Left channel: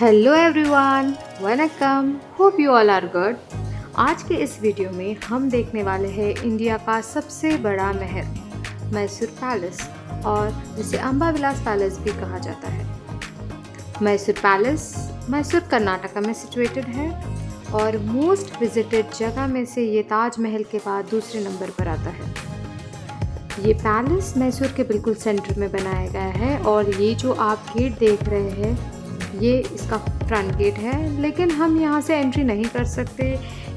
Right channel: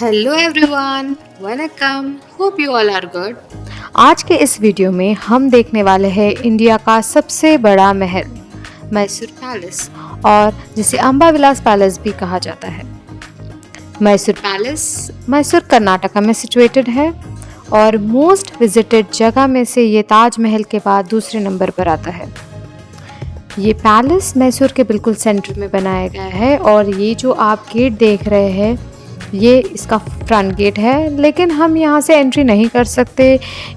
Hello everyone, vanakkam. Hope you all are good. आज के इस वीडियो में हम देखने वाले हैं इंडिया का सबसे बड़ा महल मैसूर पैलेस, और जिसे अम्बा विलास पैलेस भी कहा जाता है। मैसूर पैलेस मैसूर कर्नाटका में सिचुएटेड है और मोस्ट विजिटेड जगह में से ये ताजमहल के बाद दूसरे नंबर पर आता है। ये पैलेस मैसूर के बिल्कुल सेंटर में बनाया गया है और ये जो आप गेट देख रहे हैं ये इसका फ्रंट गेट है, लेकिन हम यहाँ से एंट्री नहीं कर सकते।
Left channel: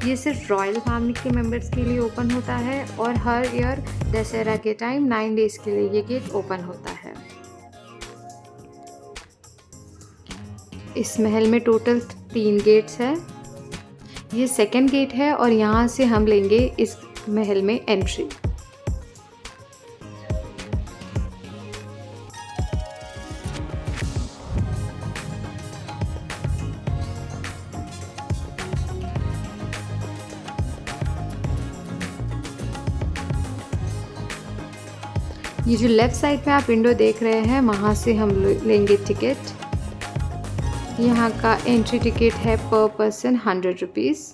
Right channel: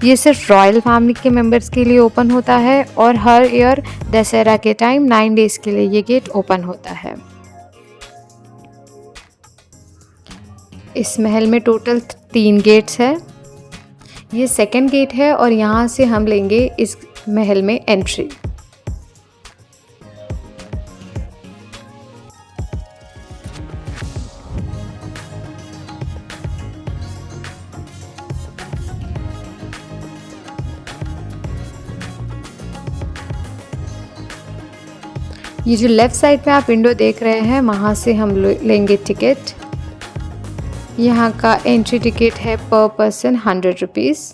ये सिर्फ रॉयल फैमिली के मेंबर्स के लिए ओपन होता है और हर ईयर दशहरा के टाइम 9 डेज़ के लिए ये गेट ओपन होता है। इस महल में टोटल 3 गेट्स है। ये सेकंड गेट है और यहाँ से हम लेंगे इस महल में एंट्री। ये जो लेफ़्ट साइड पे आप विंडो देख रहे हैं वहाँ से हम लेंगे टिकट। यहाँ का एंट्री टिकट है पर पर्सन 100 रुपीज़।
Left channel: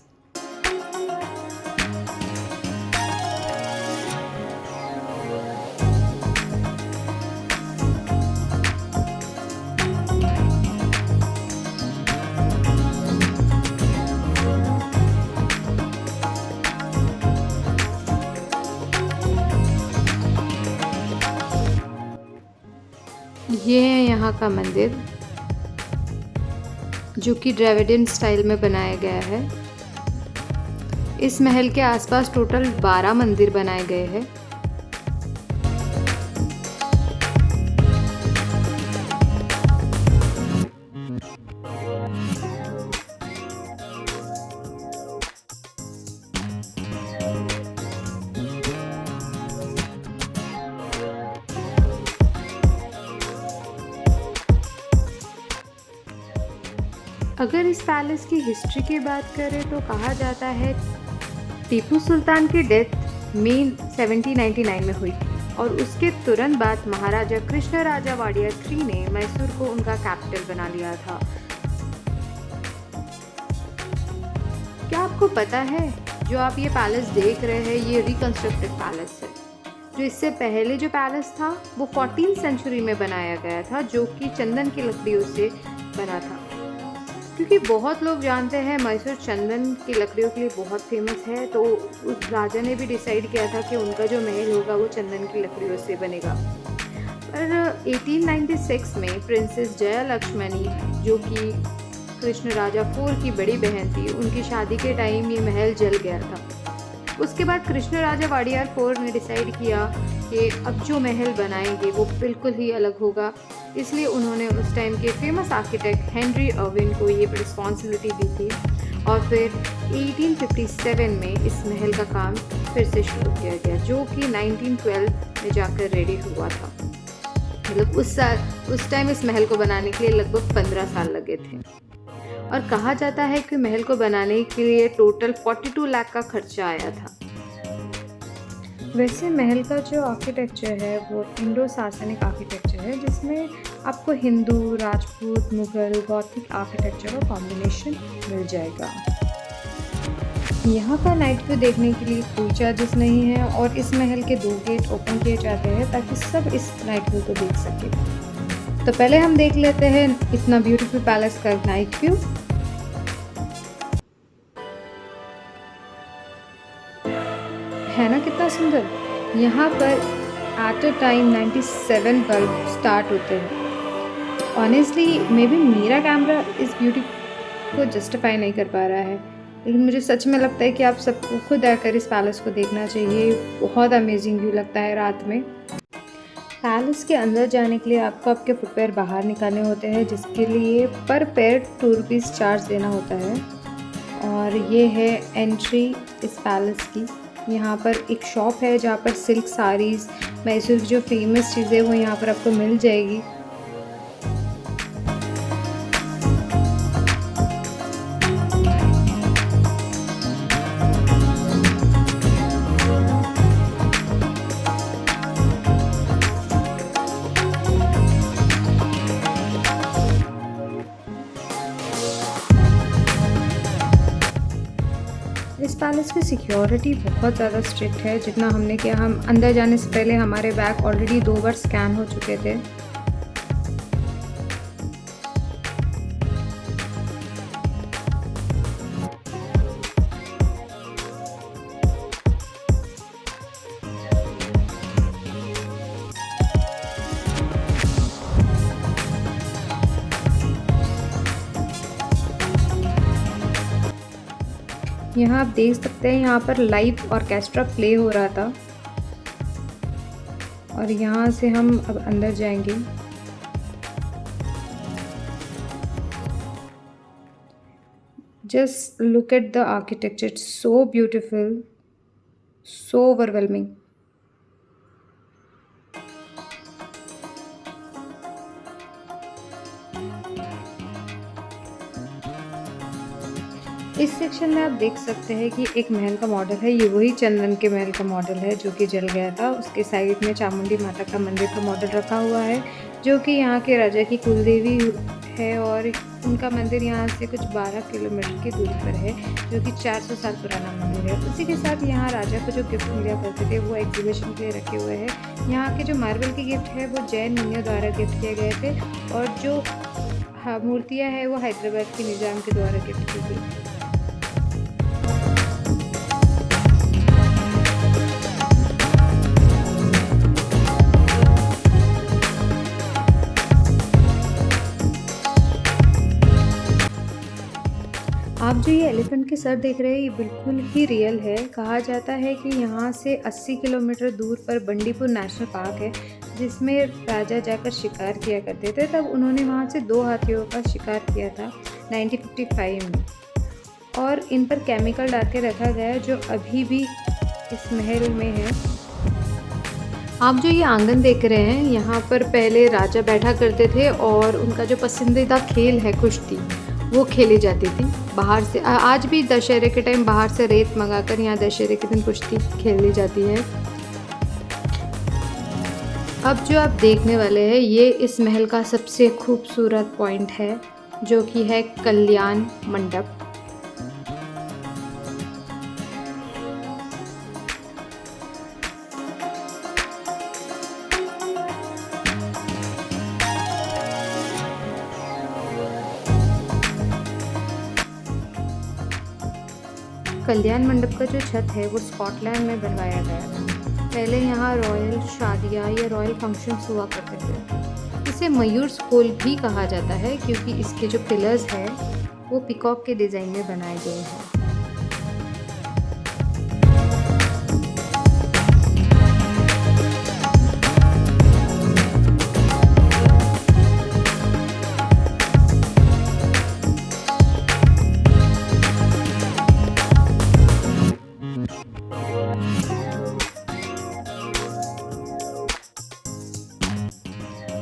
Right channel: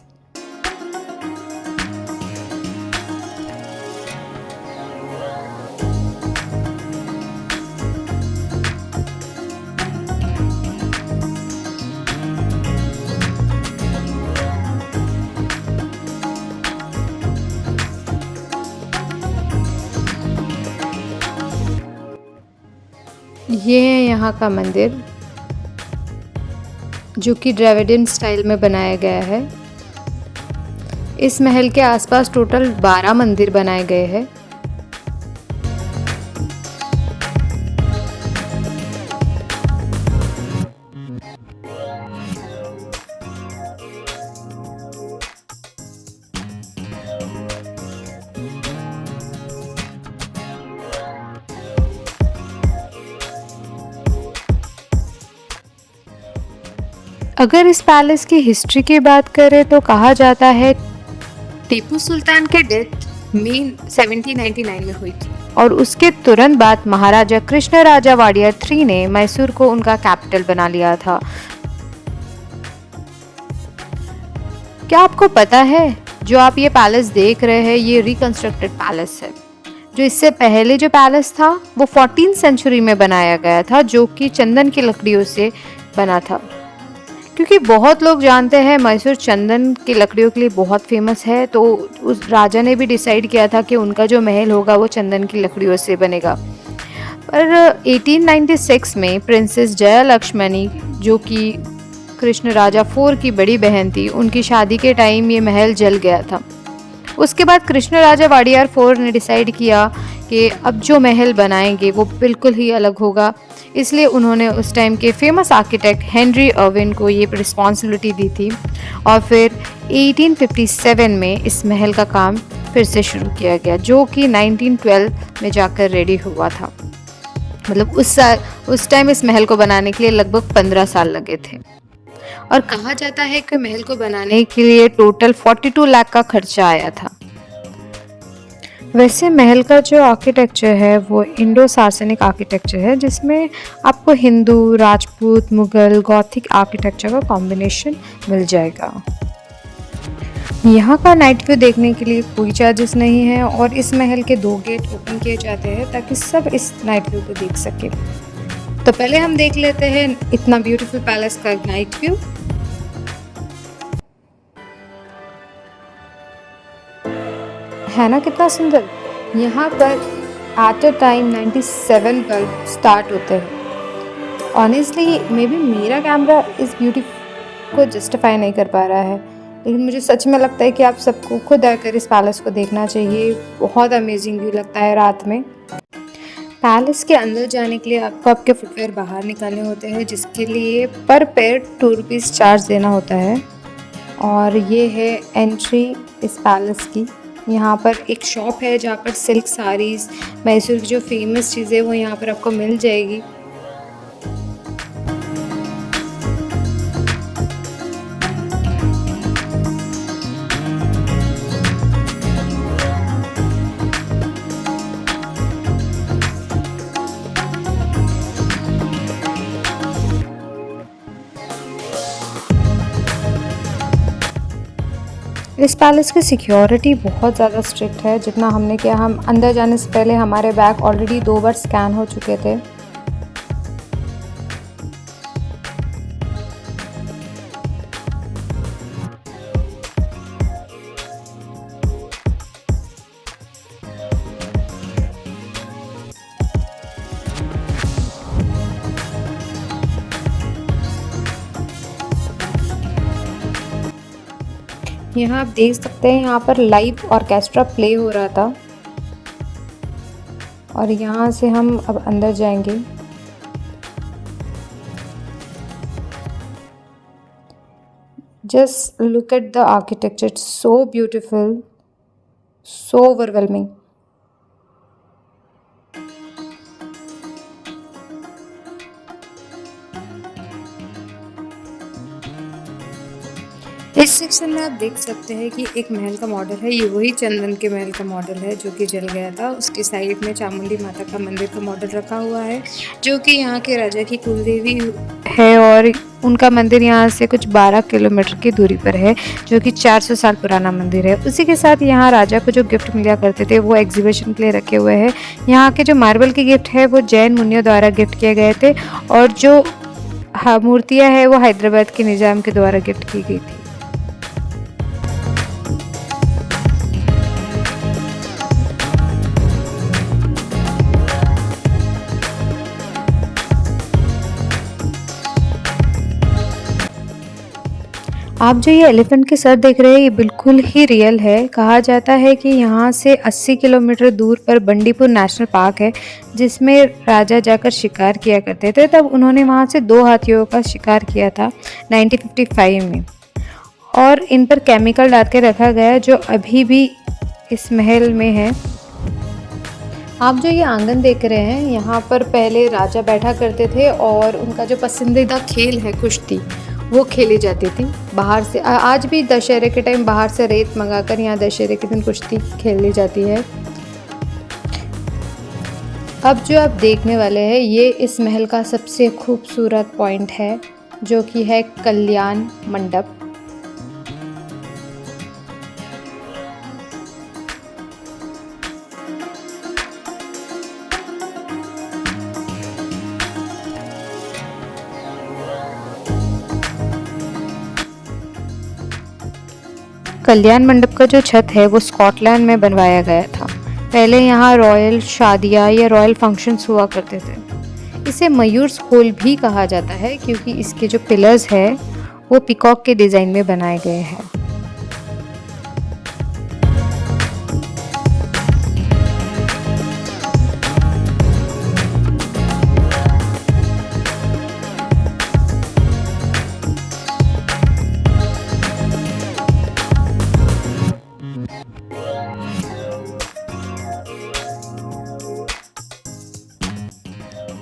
ये है यहाँ का मंदिर जो कि द्रविडियन स्टाइल में बनाया गया है। इस महल के आसपास टोटल 12 मंदिर बनाए गए हैं। अगर इस पैलेस की हिस्ट्री की बात करें तो कहा जाता है टीपू सुल्तान की डेथ मई 1799 में हुई थी और उसके तुरंत बाद महाराजा कृष्णराजा वाडियर 3 ने मैसूर को उनका कैपिटल बना लिया था। क्या आपको पता है जो आप ये पैलेस देख रहे हैं ये रिकंस्ट्रक्टेड पैलेस है। जो इससे पहले जो पैलेस था वो 14th सेंचुरी में बनाया गया था, जो कि चंदन की लकड़ियों से बना था। क्योंकि बहुत लोग जानते हैं मैसूर चंदन की लकड़ियों के लिए बहुत फेमस है, तो उस राजा ने भी डिसाइड किया था कि उनका जो महल होगा वो चंदन की लकड़ियों से बनेगा। पर 1896 में प्रिंसेस जया लक्ष्मणी, जो कि कृष्ण राजा 4 की बड़ी बहन थी, उनकी शादी के टाइम ये महल जल गया था। उसके बाद कृष्ण राजा वाडियार 4 ने डिसाइड किया कि अब जो महल बनाएंगे वो बिल्कुल ही अलग होगा, इसलिए उन्होंने उस टाइम के फेमस आर्किटेक्ट हेनरी अर्विन को ये रिस्पॉन्सिबिलिटी दी थी और फिर 1857 में इस महल का काम फिर से शुरू किया गया, जो कि 1912 में जाकर रेडी हुआ था। मतलब उस टाइम इस महल को बनाने के लिए लगभग 15 साल लगे थे और कहा जाता है कि महल को बनाने के लिए टोटल 42 लाख का खर्चा आया था। वैसे महल का जो आर्किटेक्चर है वो इंडो सार्सनिक आर्किटेक्चर है, जिसमें आपको हिंदू, राजपूत, मुगल, गॉथिक आर्किटेक्चर का कॉम्बिनेशन मिल जाएगा। यहाँ का नाइट व्यू देखने के लिए कोई चार्जेस नहीं है और इस महल के 2 गेट ओपन किए जाते हैं ताकि सब इस नाइट व्यू को देख सके। तो पहले हम देख लेते हैं इतना ब्यूटीफुल पैलेस का नाइट व्यू। है ना कितना सुंदर। यहाँ पर at a time 97 bulb start होते हैं। ऑनेस्टली मे बी मेरा कैमरा इस ब्यूटी को जस्टिफाई नहीं कर पा रहा है, लेकिन मुझे सच में लगता है कि आप सबको खुद आकर इस पैलेस को देखना चाहिए। बहुत अमेजिंग व्यू लगता है रात में। पैलेस के अंदर जाने के लिए आपको आपके फुटवेयर बाहर निकालने होते हैं, जिसके लिए पर पेयर 2 रुपीज़ चार्ज देना होता है। और ये है एंट्री इस पैलेस की। यहाँ पर एक शॉप है जहाँ पर सिल्क साड़ीज़, मैसूर की जो फेमस चीज़ें वो यहाँ पर आपको मिल जाएगी। इस पैलेस की सिक्योरिटी बहुत ज़्यादा स्ट्रिक्ट है। जितना हमने किया, हम अंदर जाने से पहले हमारे बैग ऑलरेडी 2 बार स्कैन हो चुके थे। यहाँ आप देख सकते हैं, यहाँ पर लाइव ऑर्केस्ट्रा प्ले हो रहा था और यहाँ से हम अब अंदर जाएंगे। Just look at the architecture, it's so beautiful, so overwhelming. इस सेक्शन में आप देख सकते हैं कि एक महल का मॉडल है। ये वही चंदन के महल का मॉडल है जो कि जल गया था। उसके साइड में चामुंडी माता का मंदिर का मॉडल रखा हुआ है, जो कि यहाँ के राजा की कुलदेवी है और उनका मंदिर यहाँ से कुछ 12 किलोमीटर की दूरी पर है, जो कि 400 साल पुराना मंदिर है। उसी के साथ यहाँ राजा को जो गिफ्ट मिला करते थे वो एग्जीबिशन के लिए रखे हुए हैं। यहाँ के जो मार्बल के गिफ्ट है वो जैन मुनियों द्वारा गिफ्ट किए गए थे और जो मूर्तियाँ हैं वो हैदराबाद के निज़ाम के द्वारा गिफ्ट की गई थी। आप जो ये एलिफेंट के सर देख रहे हैं ये बिल्कुल ही रियल है। कहा जाता है कि यहाँ से 80 किलोमीटर दूर पर बंडीपुर नेशनल पार्क है, जिसमें राजा जाकर शिकार किया करते थे। तब उन्होंने वहाँ से 2 हाथियों का शिकार किया था 1955 में और इन पर केमिकल डाल के रखा गया जो अभी भी इस महल में है। आप जो ये आंगन देख रहे हैं, यहाँ पर पहले राजा बैठा करते थे और उनका जो पसंदीदा खेल है कुश्ती, वो खेली जाती थी बाहर से। आज भी दशहरे के टाइम बाहर से रेत मंगाकर यहाँ दशहरे के दिन कुश्ती खेली जाती है। अब जो आप देखने वाले हैं ये इस महल का सबसे खूबसूरत पॉइंट है, जो कि है कल्याण मंडप। कल्याण मंडप का जो छत है वो स्कॉटलैंड में बनवाया गया था। पहले यहाँ रॉयल शादियाँ या रॉयल फंक्शंस हुआ करते थे। इसे मयूर्स होल भी कहा जाता है क्योंकि इसके जो पिलर्स हैं वो पीकॉक के डिज़ाइन में बनाए गए हैं।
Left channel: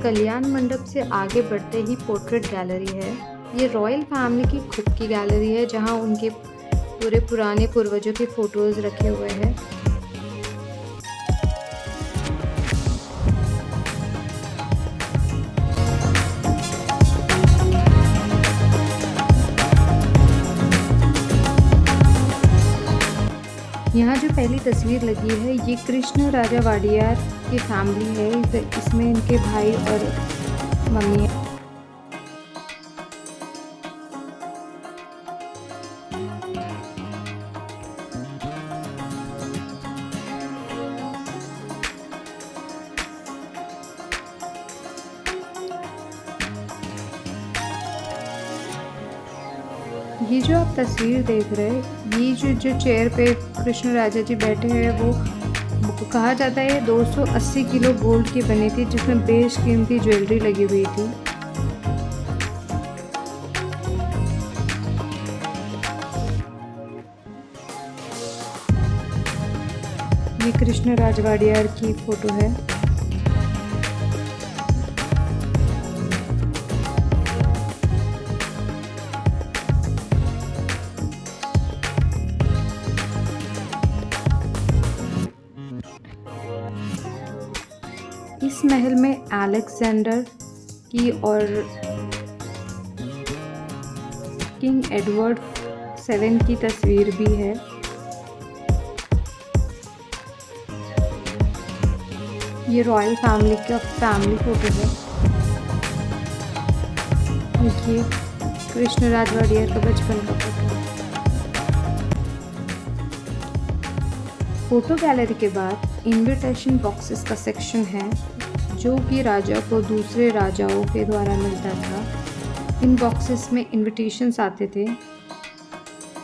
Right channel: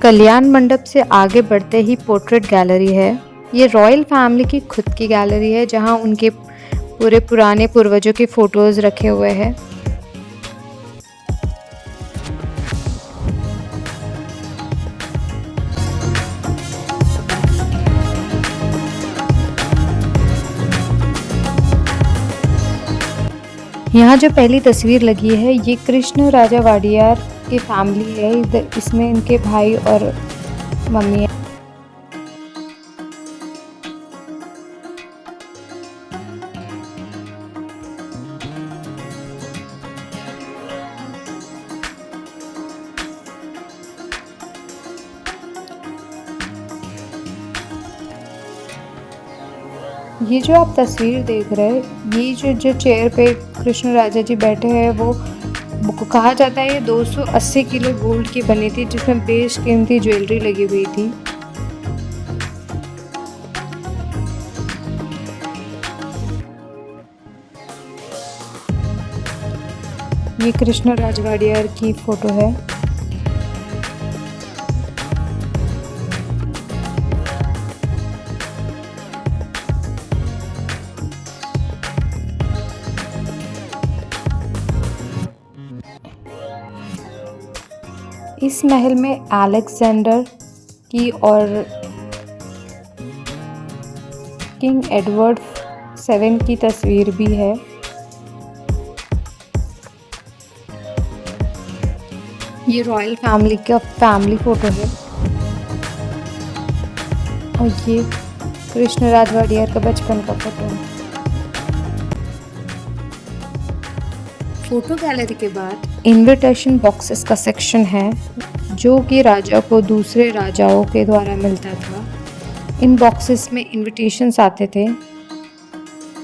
कल्याण मंडप से आगे बढ़ते ही पोर्ट्रेट गैलरी है। ये रॉयल फैमिली की खुद की गैलरी है जहां उनके पूरे पुराने पूर्वजों के फोटोज़ रखे हुए हैं। यहाँ जो पहली तस्वीर लगी है ये कृष्ण राजा वाडियार की फैमिली है। इसमें इनके भाई और मम्मी है। ये जो आप तस्वीर देख रहे हैं, ये जो चेयर पे कृष्ण राजा जी बैठे हैं वो कहा जाता है ये 280 किलो गोल्ड की बनी थी, जिसमें बेशकीमती ज्वेलरी लगी हुई थी। ये कृष्ण राज वाडियार की फोटो है। इस महल में अलेक्जेंडर की और किंग एडवर्ड 7 की तस्वीर भी है। ये रॉयल फैमिली का फैमिली फोटो है और ये कृष्णराज वाडियर का बचपन का फोटो है। फोटो गैलरी के बाद इनविटेशन बॉक्सेस का सेक्शन है जो कि राजा को दूसरे राजाओं के द्वारा मिलता था। इन बॉक्सेस में इनविटेशंस आते थे।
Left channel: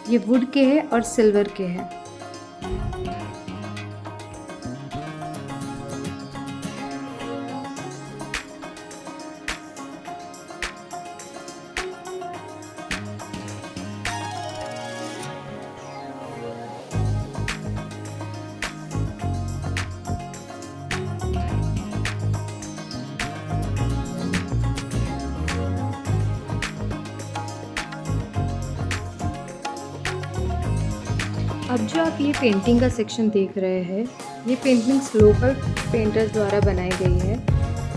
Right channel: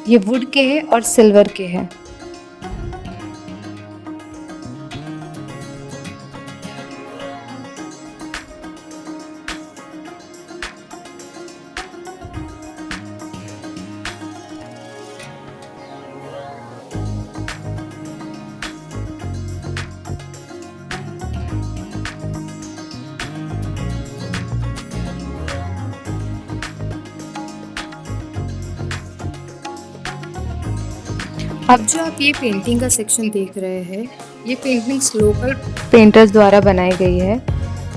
ये वुड के हैं और सिल्वर के हैं। अब जो आप ये पेंटिंग का सेक्शन देख रहे हैं, ये पेंटिंग्स लोकल पेंटर्स द्वारा बनाई गई है।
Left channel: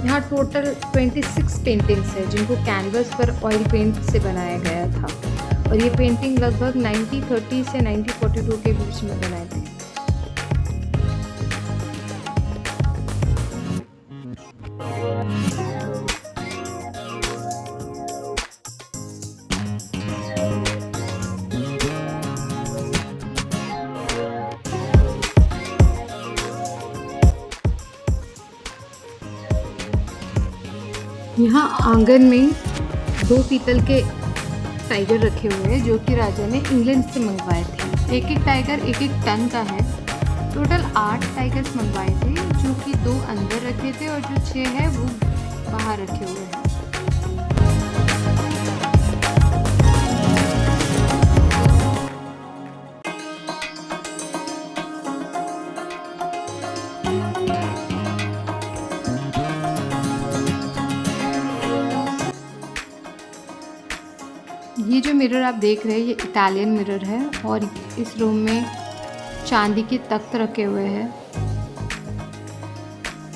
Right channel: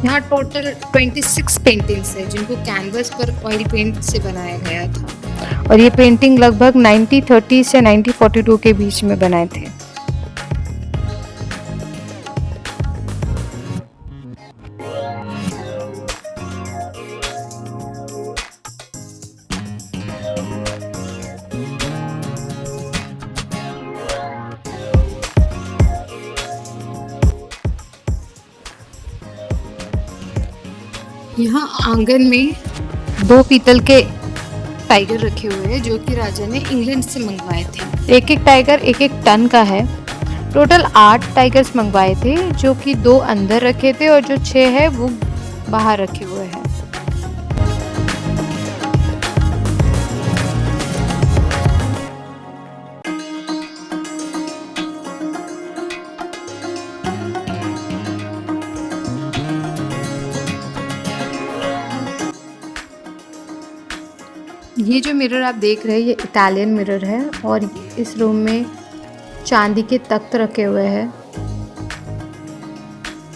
यहाँ टोटल 26 पेंटिंग्स है जिनको कैनवस पर ऑयल पेंट से बनाया गया था और ये पेंटिंग लगभग 1930 से 1942 के बीच में बनाए थे। यहाँ आंगन में 2 पीतल के टाइगर रखे हुए हैं जो कि राजा ने इंग्लैंड से मंगवाए थे। एक एक टाइगर 1-1 टन का है। टोटल 8 टाइगर्स मंगवाए थे जो कि 2 अंदर रखे थे और जो 6 है वो बाहर रखे हुए हैं। ये जो मिरर आप देख रहे हैं ये इटालियन मिरर है और इस रूम में चांदी के तख्त रखे हुए हैं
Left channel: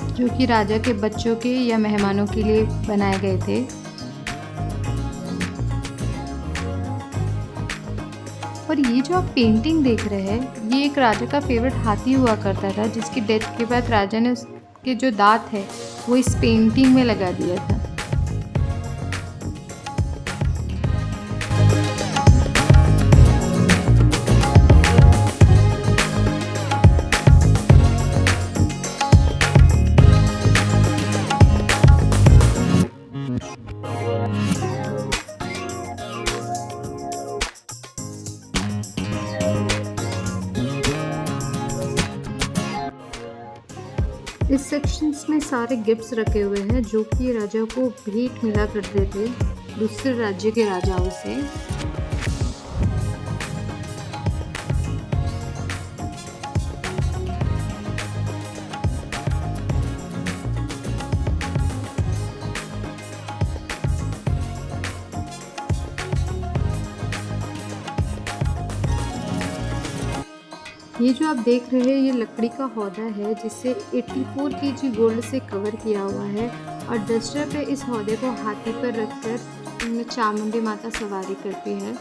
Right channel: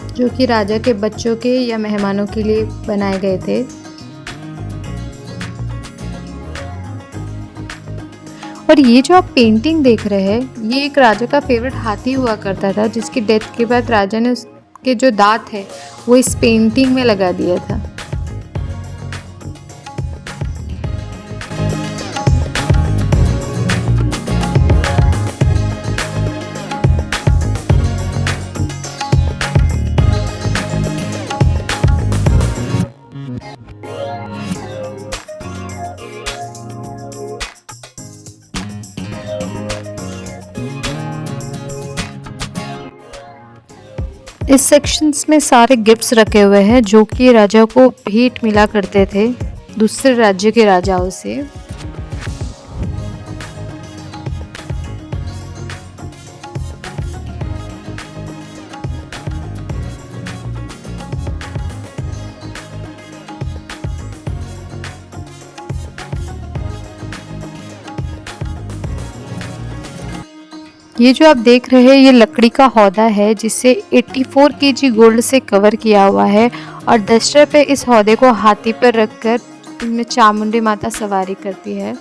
जो कि राजा के बच्चों के या मेहमानों के लिए बनाए गए थे। और ये जो आप पेंटिंग देख रहे हैं ये एक राजा का फेवरेट हाथी हुआ करता था जिसकी डेथ के बाद राजा ने उसके जो दांत है वो इस पेंटिंग में लगा दिया था। इस सेक्शंस में सारे गिफ्ट्स रखे हुए हैं जो कि राजा को भेंट मिला करते थे दूसरे राज्य के राजाओं से। ये जो आप देख रहे हैं ये लकड़ी का हौदा है जिसे 84 केजी गोल्ड से कवर किया हुआ है और डस्टर पे इस हौदे को हाथी पर रखकर इनमें चामुंडी माता सवारी करती है।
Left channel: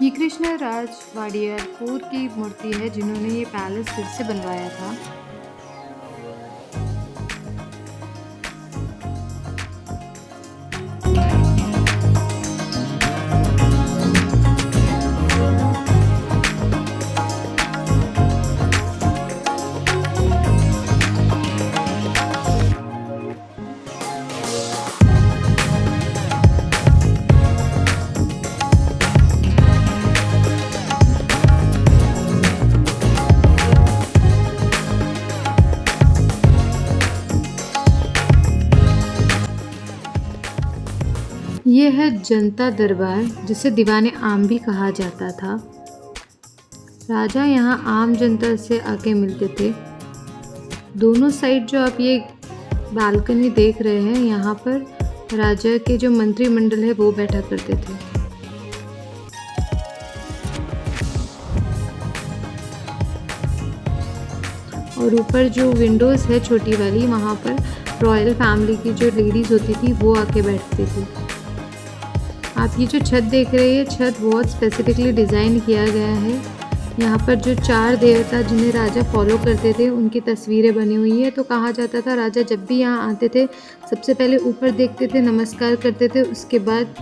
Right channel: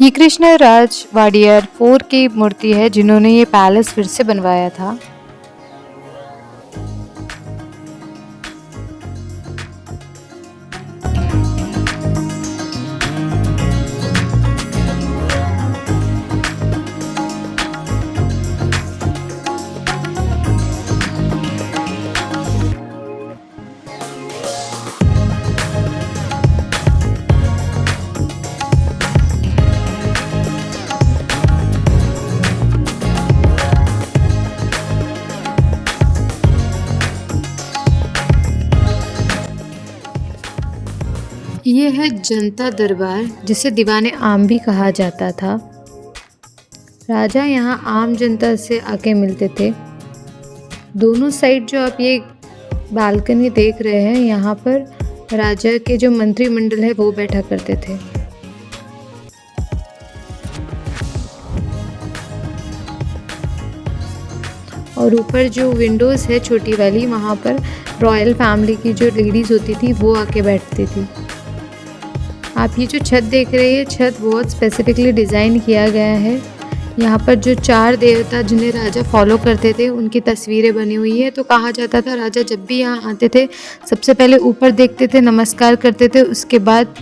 ये कृष्णराज वाडियर 4 की मूर्ति है जिन्होंने ये पैलेस फिर से बनवाया था। ये है जनता दरबार, जिसे दीवाने आम भी कहा जाता था। राजा यहाँ आम जनता से आके मिलते थे। दोनों साइड जो आप ये बालकनी देख रहे हैं, यहाँ पर राजा के जो मंत्रिमंडल है वो बैठा करते थे। और ऊपर जो विंडोज़ है छोटी वाली, वहाँ पर रॉयल फैमिली की जो लेडीज़ होती थी वो आके बैठती थी। आप ये जो छत देख रहे हैं, छत बहुत स्पेसिफिकली डिज़ाइन किया गया है। यहाँ पर जो 4 देवता जिन्हें राजा फॉलो करते थे उनकी तस्वीरें बनी हुई है। तो कहा जाता था राजा जब भी यहाँ आते थे सबसे पहले ऊपर देखते थे, नमस्कार करते थे, उसके बाद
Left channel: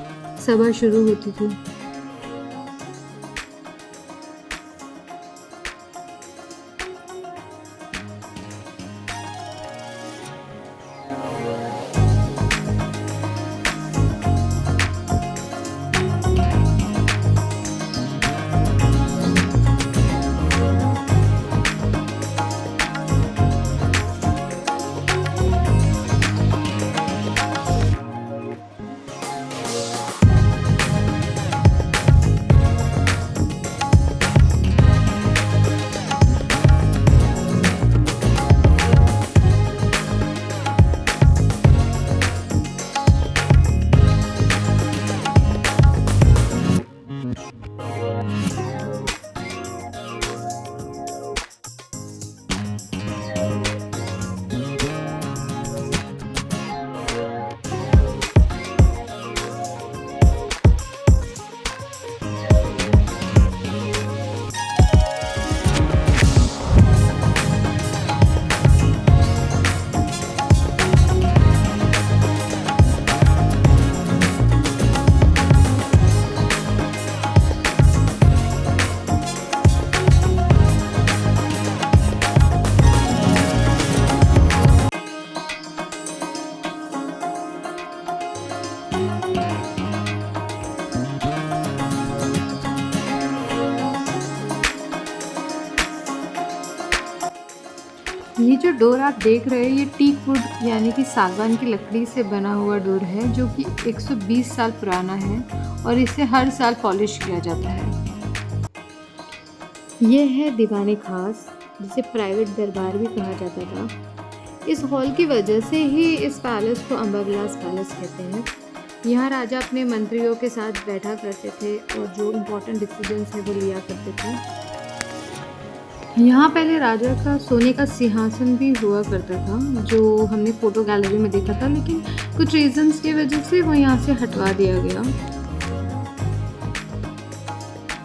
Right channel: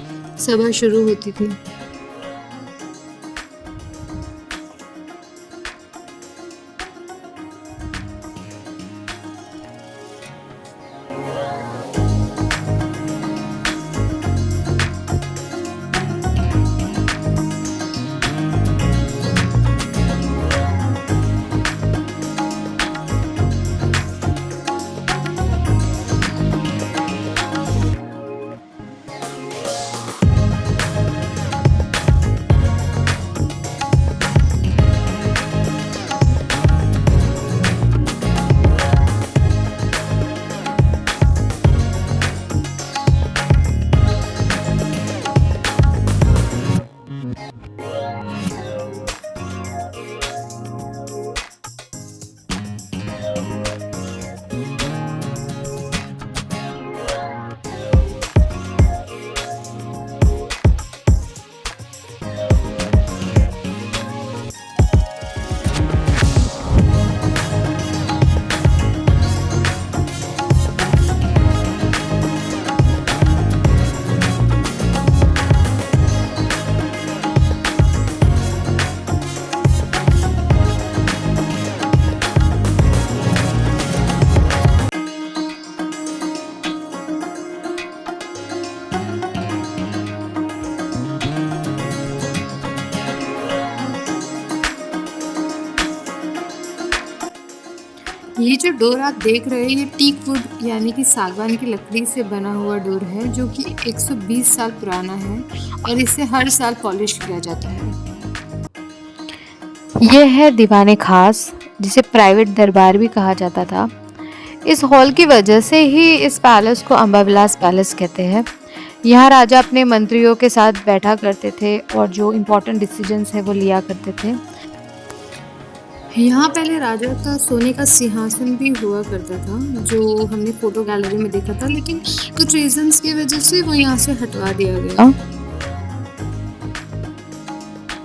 सभा शुरू होती थी। ये जो डोर आप देख रहे हैं, ये टीक वुड यानी कि सागवान की लकड़ी से बना हुआ डोर है, जो कि 120 साल पुराना है और इसे हर साल पॉलिश किया जाता है। यह है दीवाने खास, जिसे प्राइवेट दरबार भी कहा जाता था। इस हॉल की वजह से ही इस पैलेस को अंबाविलास पैलेस कहते हैं। यहाँ राजा अपने मंत्रियों के साथ बैठा करते थे और जो इम्पोर्टेंट डिसीजंस है वो लिया करते थे। यहाँ पहले राजा का सोने का सिंहासन भी हुआ करता था, जो हमने फोटो गैलरी में देखा था, लेकिन कुछ रीजंस की वजह से वो यहाँ से हटवा दिया गया।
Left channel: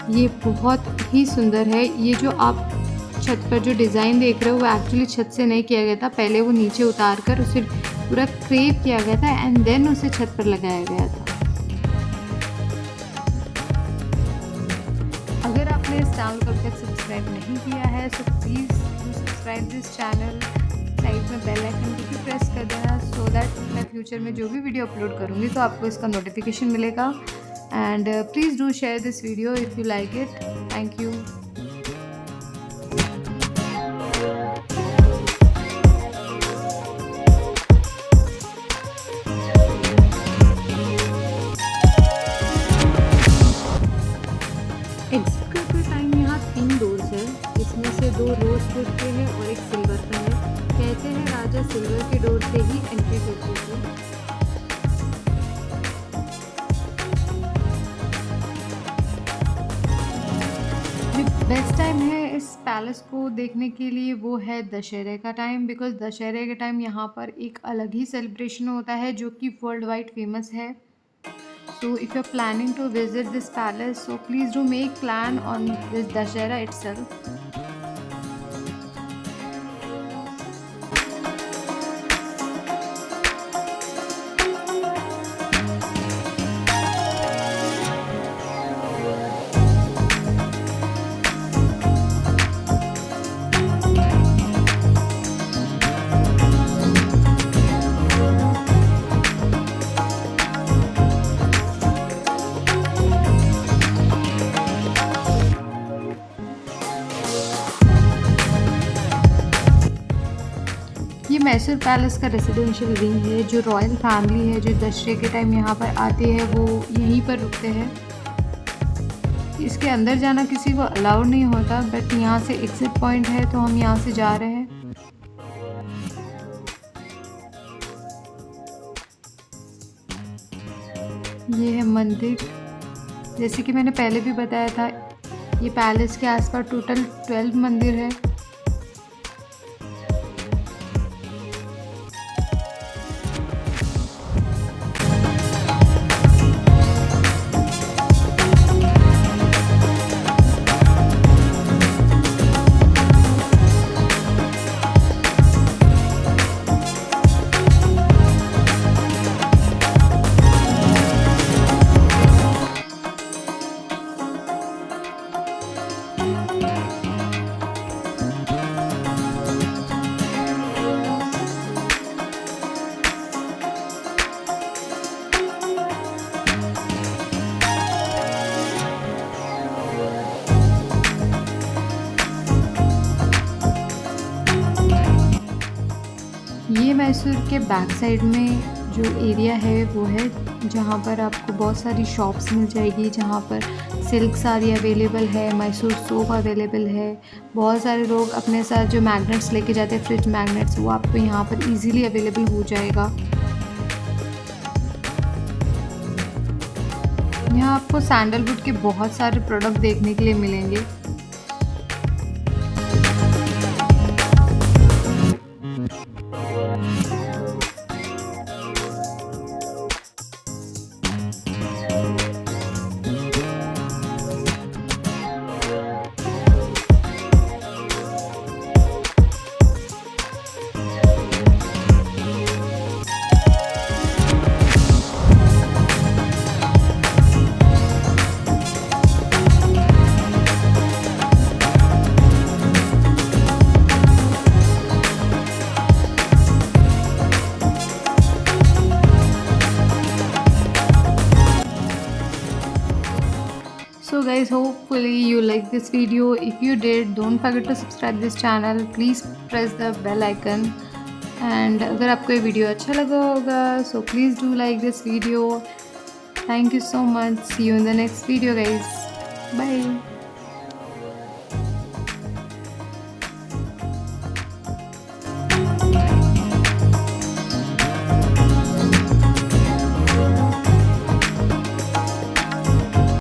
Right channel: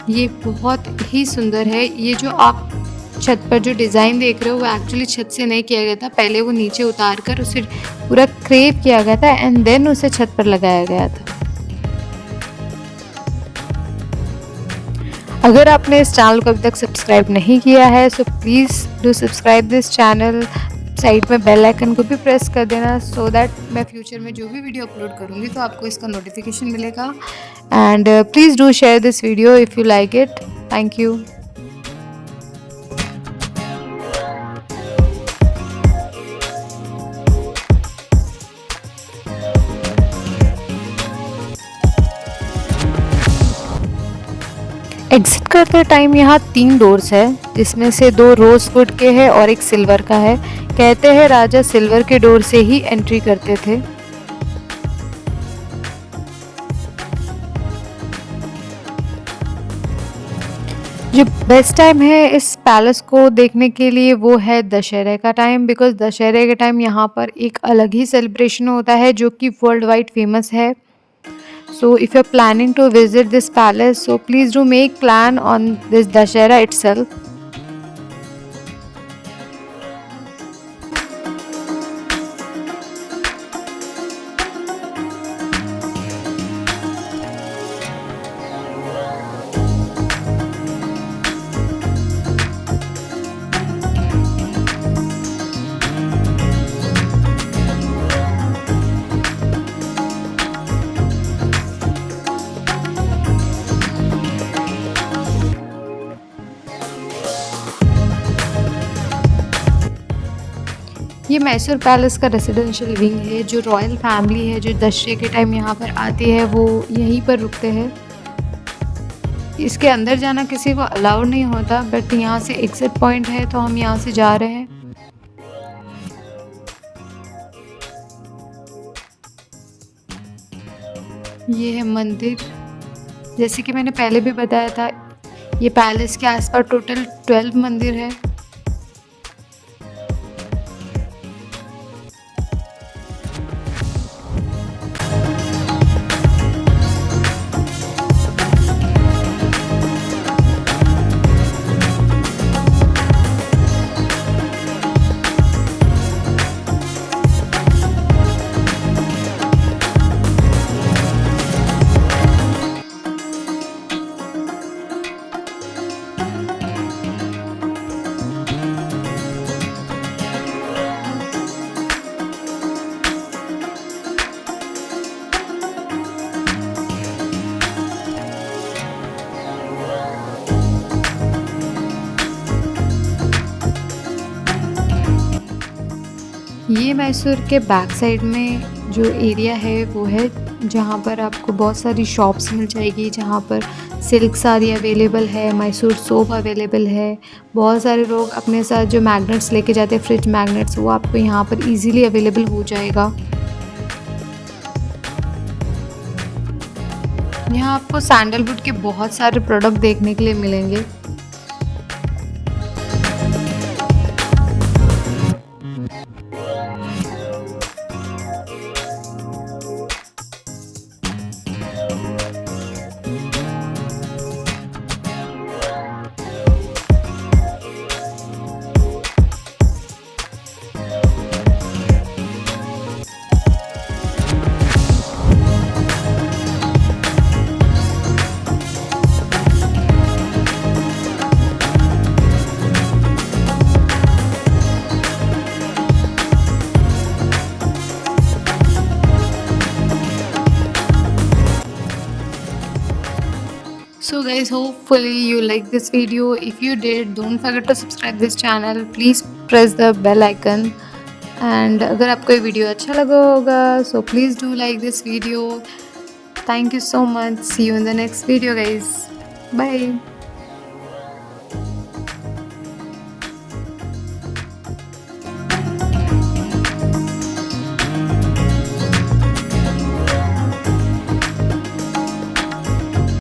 ये बहुत ही सुंदर है। ये जो आप छत पर जो डिज़ाइन देख रहे हो वो एक्चुअली छत से नहीं किया गया था, पहले वो नीचे उतार कर उसे पूरा क्रेप किया गया था एंड देन उसे छत पर लगाया गया था। अगर आपने इस चैनल को अभी तक सब्सक्राइब नहीं किया है so please do subscribe this channel. Side में बेल आइकन को भी प्रेस कर देना सो दैट मैं फ्यूचर में जो भी वीडियो अपलोड करूँगी तो आपको इसका नोटिफिकेशन मिलेगा। And please do share this video if you like it. Thank you. Exit करते टाइम यहाँ 3 डोर्स है, जिसमें से 2 रोजवुड के हैं और एक सिल्वर का है। कहते हैं राजा सिल्वर के डोर से ही एंट्री करते थे। जो बेस्ट टाइम है इस पैलेस को देखने के लिए वो है दशहरे का टाइम, बिकॉज दशहरे के टाइम यहाँ पर एक अलग ही सेलिब्रेशन होता है जो कि वर्ल्ड वाइड फेमस है। So if you're planning to visit this palace, so please do make plan on this Dussehra itself. ये मैसूर पैलेस का रेजिडेंशियल विंग है। जो रॉयल फैमिली है जो दशहरे के टाइम यहाँ पर आती है वो यहीं पर रुकते हैं। इसके अंदर जाना किसी को अलाउड नहीं होता, बट यहाँ से एग्जिट पॉइंट है तो हम यहाँ से जा रहे हैं। ये है मंदिर। जैसे कि मैंने पहले भी बताया था, ये पैलेस के आसपास टोटल 12 मंदिर है। ये मैसूर के बैक साइड में जो एरिया है वो है जहाँ पर आपको बहुत सारी शॉप्स मिल जाएगी, जहाँ पर सिल्क साड़ी अवेलेबल है, मैसूर सोप अवेलेबल है। बहुत सारे लोग अपने साथ जो मैग्नेट्स लेके जाते हैं, फ्रिज मैग्नेट्स, वो आपको यहाँ पर इजीली अवेलेबल हो जाएगा। यहाँ आपको सैंडलवुड के बहुत सारे प्रोडक्ट देखने के लिए मिलेंगे। So guys, hopefully you like this video. If you did, don't forget to subscribe this channel. Please press the bell icon. And अगर आपको ये वीडियो अच्छा लगा होगा, so please do like this video. Thank you so much. See you in the next video guys. Bye.